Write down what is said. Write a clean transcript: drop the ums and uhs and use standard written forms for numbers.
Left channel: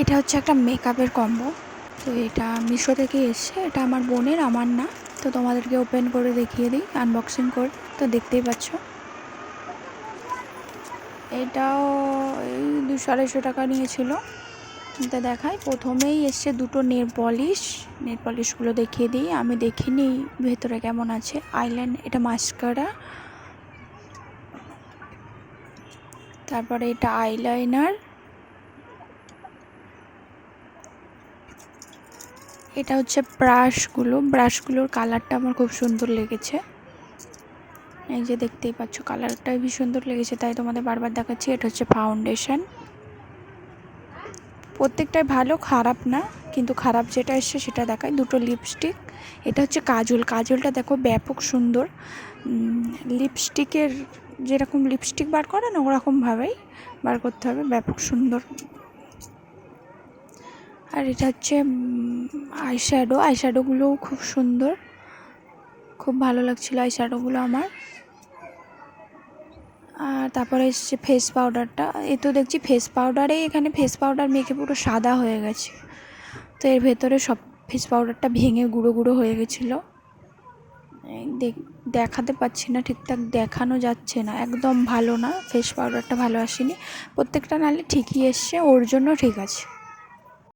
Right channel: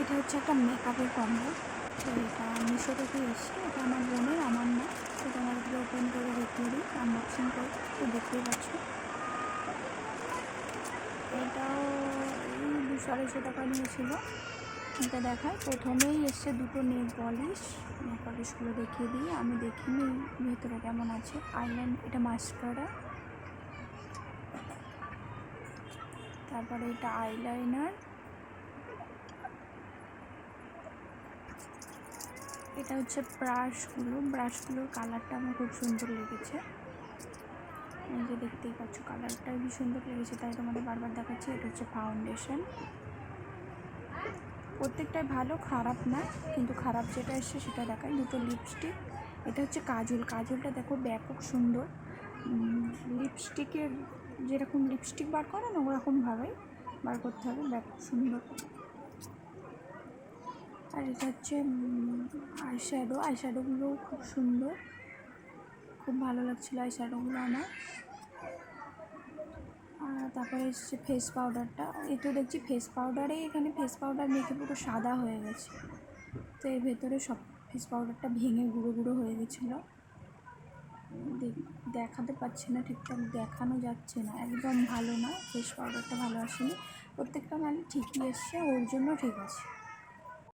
এটা হচ্ছে একটা মেকআপের কম্বো। তো এটা মিশো থেকে এসছে, এটা আমার বোনের, আমার না। তো তোমাদেরকে ওপেন করে দেখিয়ে দিই, আনবক্সিং করে। তো দেখতেই পাচ্ছ, এটাও এই 200-250 টাকা নিয়েছিল। তো দেখাই, প্রথমেই এসছে দুটো নেল পলিশগুলো দেখিয়ে দিই। আমি দেখিনি ভেতরে কেমন আছে। আইল্যান্ড, এটা মাস্কারা, তারপরে এটা আইলাইনার, এটা হচ্ছে ব্রাশগুলোর কালারটা আমার খুব সুন্দর লেগেছে। এই যে দেখতেই পাচ্ছ, কালারটা খুব সুন্দর লেগেছে, তাই তোমাদের বারবার দেখাচ্ছি। এটা হচ্ছে ফাউন্ডেশন, প্রত্যেকটাই ভালো, খারাপ না, কিন্তু খারাপ যেটা এসছে সেটা দেখায়। দুটো লিপস্টিক, এটা হচ্ছে কাজলটা দেখো ব্যাপক সুন্দর। লিপস্টিকের যেরকম লিপস্টিক বার করে না, ওরকমভাবেই বার করতে হবে, ব্যাপক সুন্দর। আর এটা হচ্ছে আইশ্যাডোগুলোও খুব সুন্দর, খুব ভালো লাগছিলো আইশ্যাডোগুলো আমার। আর তারপরে এসছে ফেস পাউডারটা। এ তো দেখছি ফেস পাউডারে, এখানে ফেস পাউডার মেখে পুরো সাদা হয়ে গেছে। তো এর ভেতরে সব ফেস পাউডারটা ভেঙে গুঁড়ো গুঁড়ো হয়ে গেছিলো। দেখাতে পাচ্ছি না, ঠিকঠাক দেখানো যাচ্ছে না, একদম ভালো না, ফেস পাউডারটা ভালো আসেনি। প্রত্যেকটা নালে ঠিকই এসছে, ওর জন্য ঠিক আছে।